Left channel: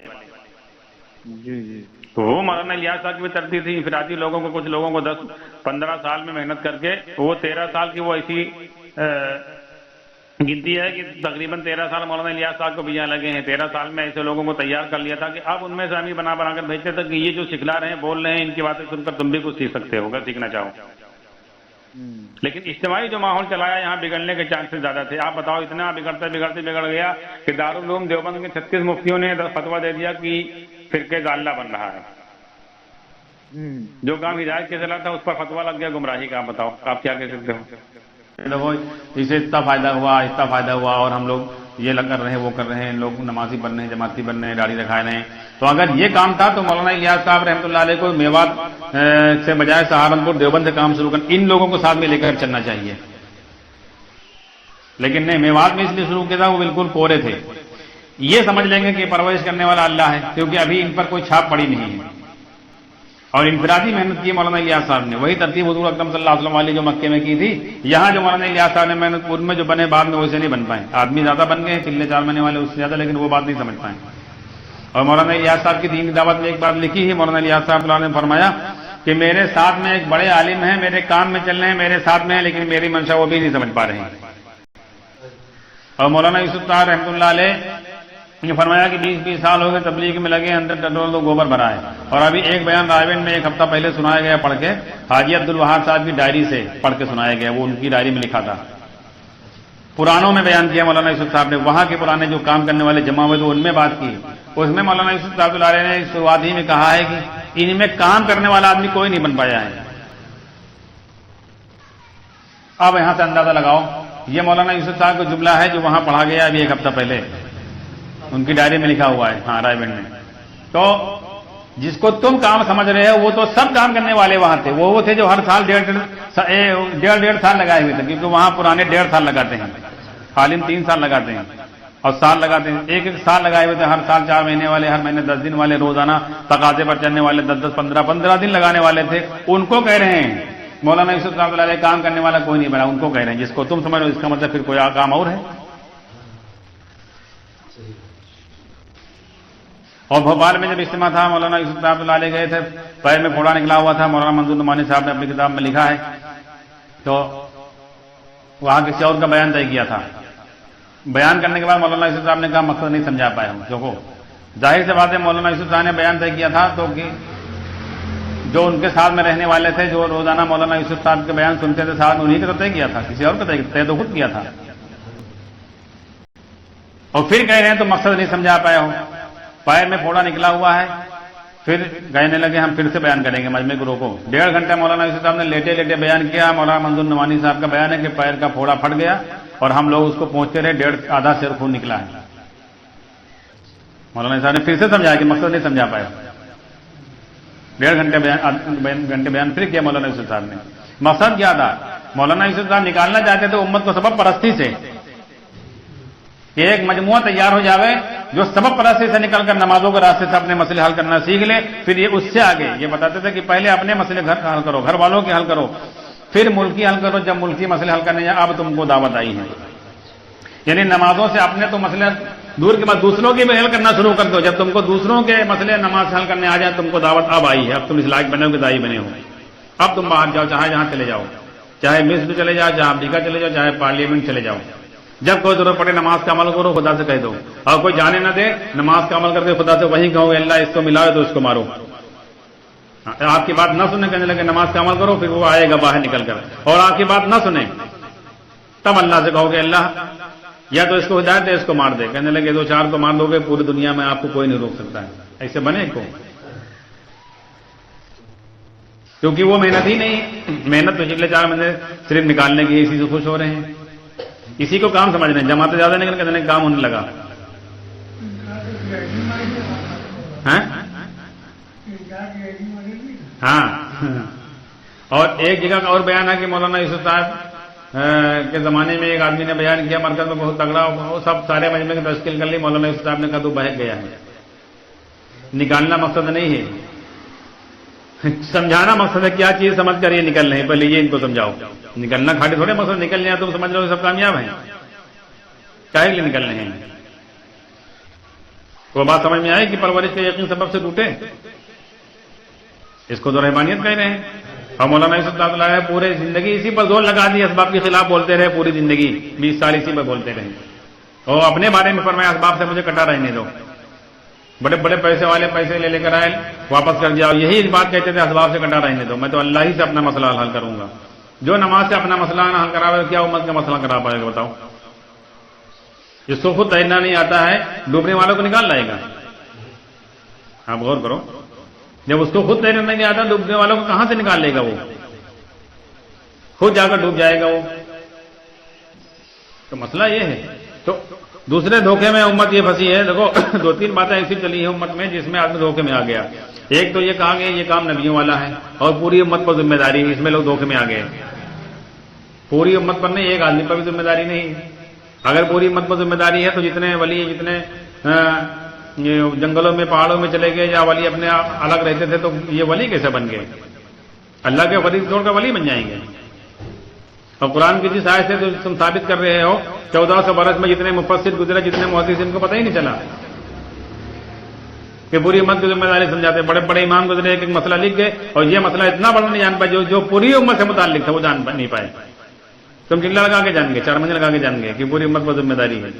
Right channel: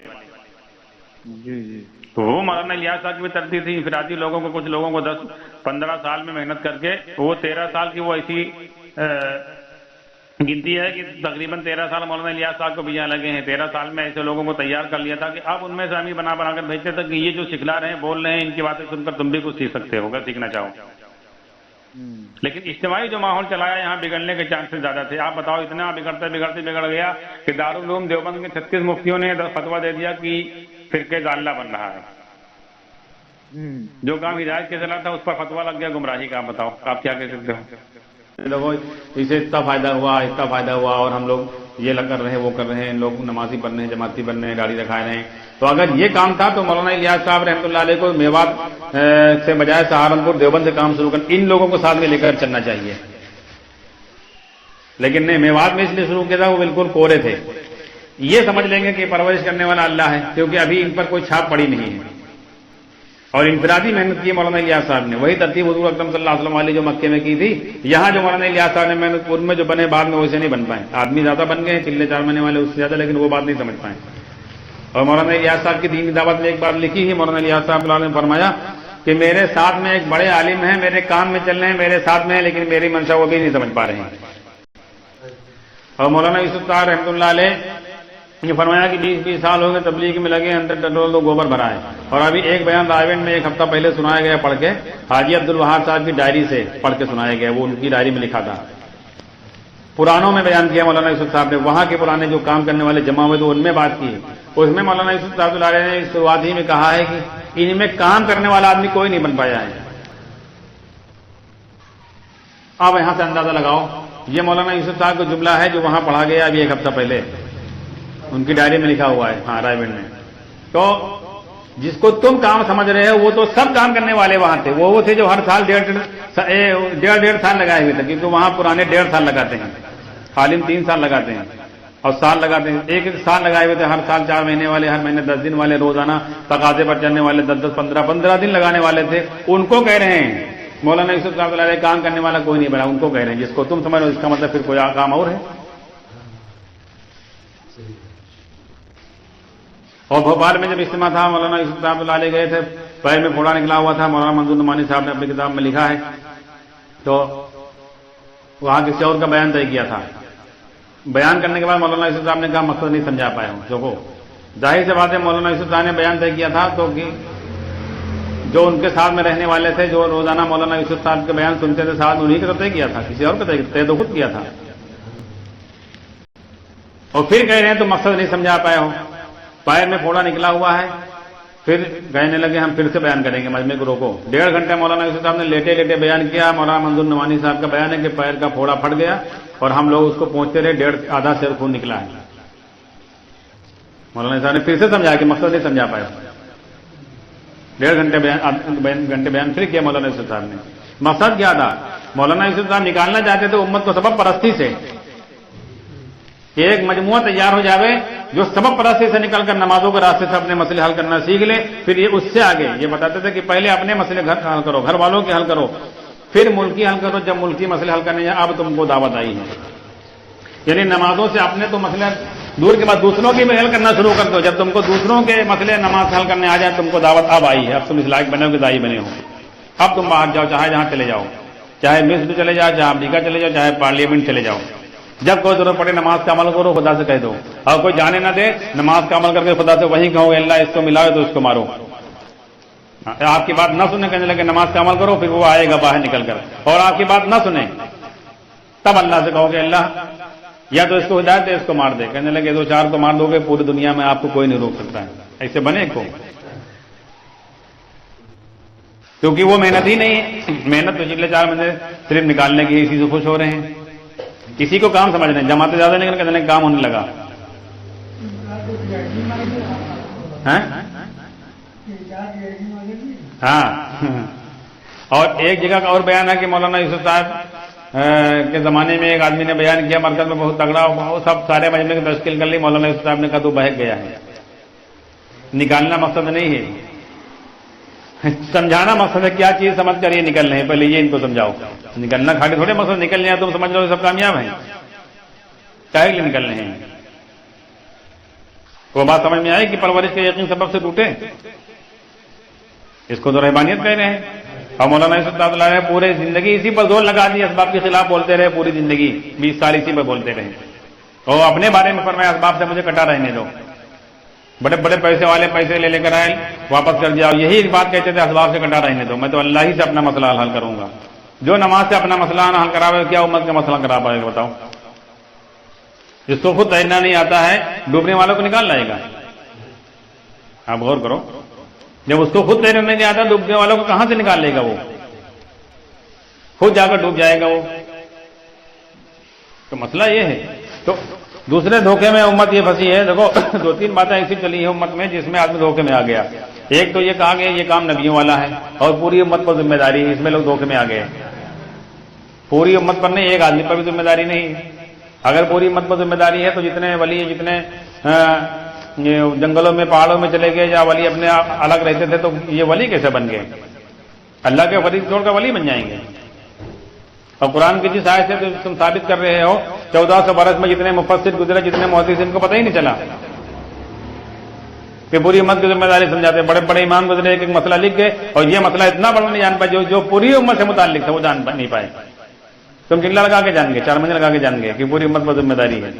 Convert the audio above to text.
جی جی تو وہ مولانا الیاس صاحب کی بھی ترتیب تھی انفرادی لوگوں کو، کچھ لوگوں کو 10-15 سال میں محنت کر کے وہ 13 سال کی وہ ایسی گنتی ہے کہ تقریباً 13 سال مولانا الیاس صاحب کو بھی یہاں لگے ہیں. 13 سال میں ایسے لوگوں کو تیار کر لیا تھا کہ اب ان میں سے ہم ہی بنا کر بھیجتے تھے کہ یہ جو سکھلا رہے ہیں، بول رہے ہیں، ان کی باتیں سن کر تم بھی کچھ سیکھ سکتے ہو اگر سیکھنا چاہو. لیکن اجتماعی جو ماحول چلایا یہاں بگڑنے کے چانسز زیادہ تھے. آپ بتاؤ اتنا بگڑ گیا کہ دارالعلوم دیوبند کے 36 مفتیوں نے فتویٰ دے دیا کہ فرقے ضالہ بن رہا ہے. جو کام ہدایت کے چلا تھا اس پر فتویٰ لگ گیا گمراہی کا. آپ بتاؤ آپ کیا کہہ سکتے ہو؟ دیکھو اسے اتنا فائدہ ہوا اور ہم لوگ یہ کر رہے ہیں وہ کر رہے ہیں، لوگ نمازی بن رہے ہیں، جماعتی بن رہے ہیں، داڑھی دکھائے رہے ہیں. تو اگر یہ کام تھا تو مولانا الیاس صاحب رحمۃ اللہ علیہ کو میوات سے بجائے سہارنپور دیوبند سے کام شروع کر ان لوگوں کو ساتھ میں لے کر چلنا چاہیے. لیکن نہیں، میوات میں اس لیے شروع کیا تھا وہ بالکل کورے تھے. یہ سمجھ لیں گے کہ پرورش کرنے والا اللہ ہے، کیونکہ ابھی ان پر کوئی چھاپ پڑی نہیں ہے. اور انفرادی محنت کی مولانا الیاس صاحب نے، وہی ترتیب حضور اکرم صلی اللہ علیہ وسلم والی جو مکے میں کی تھی. یہاں جو مولانا الیاس صاحب نے محنت ان میں جو بنے بعد میں ویسے نہیں بن پائے. آدمی زیادہ بن گئے، چلے 4 مہینے والے اس سے زیادہ، لیکن وہ بات نہیں سمجھ پائے. اور مولانا الیاس صاحب کی دین کی دعوت میں ایک بات لکھی ہے. مولانا الیاس صاحب نے فرمایا کہ میرے ساتھ میں ایک بڑے عالم ہیں، میرے کام میں چل رہے ہیں، میرے ساتھ میں ہیں، لیکن میری منشا وہ بھی نہیں سمجھ پا رہے ہیں. اور مولانا یوسف صاحب رحمۃ اللہ علیہ نے فرمایا کہ 20 سال ہو گئے تبلیغ میں لگے، اندر ٹٹول تو گوبر بھرا ہے. اور ابھی ایک بیان رائے میں ایک ہفتہ پہلے سنایا گیا پڑھ کے، حاجی عبد الوہاب صاحب کی ڈائری سے پڑھ کے سنایا گیا. وہ ان کی ڈائری میں لکھا تھا. پرانوں میں بیان کیا مولانا یوسف صاحب نے، وہاں کے پرانے جو کام کرنے والے جمع ہوئے تو ان میں بات کی. اس میں مولانا یوسف صاحب نے شروعات ہی میں کہا ہے کہ ان میں کام کرنے والا آدمی کوئی نہیں بن پایا ہے. اب یہاں سے اندازہ لگاؤ، یہ مولانا یوسف صاحب کا جملہ ہے جو وہاں پڑھا گیا ابھی ایک ہفتہ پہلے، ان کی ڈائری میں لکھا ہوا ہے ہاں رائے بینڈ میں. تو جس کو تم کام سمجھ رہے ہو وہ تو سب کام کرنے والے وہاں تھے. وہ تھے جو ہر سال 1.5 سال لگائے ہوئے تھے، کیونکہ وہاں پرانے 1.5 سال لگاتے ہیں، عالم 3 سال لگاتے ہیں اور سال لگاتے ہیں. ایک سال لگائے ہوئے تھے، ہر سال 4 مہینے والے، ہر مہینے 10 دن والے، روزانہ تقاضے پر چلنے والے 10 15 دن لگانے والے تھے. ان کو کہہ رہے ہیں مولانا یوسف صاحب علیہ کام کرنے والا کوئی نہیں بنا. ان کو کہہ رہے ہیں جس کو تم سمجھ رہے ہو اس کا مطلب پھر کوئی کام اور ہے. اور بھوپال میں جب اجتماع تھا مولانا یوسف صاحب اللہ علیہ گئے تھے، پیر میں پھوڑا نکلا ہوا تھا. مولانا منظور نعمانی صاحب نے اپنی کتاب میں لکھا ہے. تو وہاں کسی اور کا بیان طے کیا تھا. بیان کرنے کے بعد مولانا یوسف صاحب نے کہا مقصد نہیں سمجھا پایا ہوں. جو ظاہر سے بات ہے مولانا یوسف صاحب نے بیان طے کیا تھا تو جو ان کے ساتھ میں رہنے والے تھے، جو روزانہ مولانا یوسف صاحب کے بیان سنتے تھے، ساتھ انہیں کا طے کیا تھا، کسی اور کا طے تو خود کیا تھا. اور پھر کہہ رہے ہیں تو مقصد نہیں سمجھا پایا ہوں. پیر میں پھوڑا نکلا ہوا ہے. پھر کہنے لگے ہم پھر سے بیان کریں گے مجمع گروہ کو. 1.5 گھنٹہ مولانا یوسف صاحب نے لیٹے لیٹے بیان کیا. مولانا منظور نعمانی صاحب کا بیان ہے کہ پیر کا پھوڑا پھٹ گیا اور ہم لوگ اس کو پہنچتے رہے، آدھا سر خون نکلا ہے. مولانا صاحب نے پھر سے سمجھایا کہ مقصد نہیں سمجھا پایا. 1.5 گھنٹے بیان پھر کیا مولانا یوسف صاحب نے. مقصد کیا تھا؟ مولانا یوسف صاحب نکالنا چاہتے تھے امت کو سبب پرستی سے. ایک مجموعہ تیار ہو جاوے جو سبب پرستی سے نکل کر نمازوں کے راستے سے اپنے مسئلے حل کرنا سیکھ لے. پھر یہ اس سے آگے یہ بتاتے تھے کہ پہلے اپنے مسئلے حل کرو، گھر والوں کے حل کرو، پھر ملکی حل کرو. جب ملکی مسئلے حل کرنے اب تم کو دعوت آئی ہے. یعنی نمازوں سے اپنے تو مسئلے دور کے بعد دوسروں کی بھی حل کرنا شروع کر دو. جب تم کو دوسروں کے مسئلے نماز حل کرنے آ جائے تم کو دعوت اب آئی ہے. اب تم اس لائق بنے ہو، دائی بنے ہو. اب تم باہر جاؤ، چاہے جہاں چلے جاؤ، چاہے مصر چلے جاؤ، چاہے امریکہ چلے جاؤ، چاہے پارلیمنٹ چلے جاؤ. جب کوئی ضرورت پڑے نماز کا عمل کرو، خدا سے کہہ دو. اور کوئی جانے نہ دے، نماز کا عمل کر کے خدا سے وہیں کہو اللہ اس کو ملاؤ تو اس کو مارو. آپ کی بات نہ سنے کہنے لگے نماز کا عمل کرو، پھر وہ آئے گا باہر نکل کر. اور آپ کی بات نہ سنے تب اللہ سے کہو گے اللہ یا تو اس کو ہدایت دے، اس کو مار دے. کہنے لگے 2-4 کو مار دو گے پوری دنیا میں آپ کو کوئی نہیں روک سکتا ہے. ایسے بنے کو، کیونکہ وہ محنت ہی نہیں. محنت تو پچھلے 4 مہینے صرف نکالنے کی، اسی سے خوش ہو رہے ہیں. کسی کو کام سمجھ رہے ہیں، جماعتیں زیادہ نکل کے کام ہونے لگا. ہاں. اور ایک جگہ کا اور بیان ہے کہ مولانا یوسف صاحب کے زمانے میں ایک آدمی نے بیان کیا مرکز میں بہت تگڑا، وہ سب سارے مجمع کی تشکیل کر لی. مولانا یوسف صاحب نے کہا تو بہک گیا ہے. نکالنا مقصد نہیں ہے، سمجھانا مقصد ہے. کیا چیز سمجھ کر یہ نکل رہے ہیں پہلے یہ ان کو سمجھاؤ. نکلنا کھاڑی تھوڑے مقصد نکل رہے ہیں تم سمجھ رہے ہو سب کامیاب ہیں، کاہے کے لیے نکل رہے ہیں. وہ بات سمجھ میں آئی کہ پرورش کے یقین سبب سے ٹوٹے، اس کو تو رحمانیت کہہ رہے ہیں. اور مولانا یوسف اللہ ہے پورے زندگی اسی پر زور لگا دی، اسباب کے خلاف بولتے رہے پوری زندگی، 20 سال اسی پہ بولتے رہے، اور اپنے بارے میں فرمایا اسباب سے مجھے کٹا رہنے دو. بڑے بڑے پیسے والے پیسے لے کر آئے واپس کر دیا، اور یہی بات کہتے تھے اسباب سے کٹا رہنے دو، میں تو اللہ ہی سے اپنا مسئلہ حل کروں گا. جو نماز سے اپنا مسئلہ نہ حل کراوے کیا امت کا مسئلہ کرا پائے گا بتاؤ؟ جس کو خود تیرنا نہیں آتا ہے ڈوبنے والوں کو نکال لائے گا. آپ غور کرو، جب اس کو خود تیرنا نہیں آتا ڈوبنے والوں کو کہاں سے نکال لے گا؟ وہ خود جا کر ڈوب جائے گا وہ. تو مسئلہ یہ ہے. تو دوسرے دھوکے میں امت یہ پھنسی ہے. دیکھو 2-3 باتیں ایسی چلی ہیں امت میں جس میں آدمی دھوکے میں آ گیا. ایک تو یہ کہا گیا یہ کام نبیوں والا ہے اور پوری امت پر ذمہ داری ہے، اس میں لوگ دھوکے میں آ گئے. پوری امت پر نہیں، ایک آدمی پر بھی ذمہ داری نہیں ہے. اگر پوری امت پر ذمہ داری ہے تو جتنے ولی جتنے جنگلوں میں پہاڑوں میں چلے گئے یا ولی اپنے الگ رہتے تھے تو یہ ولی کیسے بن گئے؟ اللہ کے ولی چھوڑ کر ولی بن جائیں گے. اور قرآن کی جس آیت سے تو تم ثابت کر رہے ہو 1400 برس میں جتنے مفسر گزرے جتنے محدث ان کو پتہ ہی نہیں چلا کہ پوری امت کی ذمہ داری سمجھاتے. بڑے بڑے امام گزرے ایک مسئلہ لکھ گئے اور یہ مسئلہ اتنا بڑا نہیں جان پائے جو پوری امت سے متعلق تھا وہ جان نہیں پائے. تم چنگلا لگا کے جان گے، 4 مہینے لگا کے جان گے کہ پوری امت پر ذمہ داری ہے.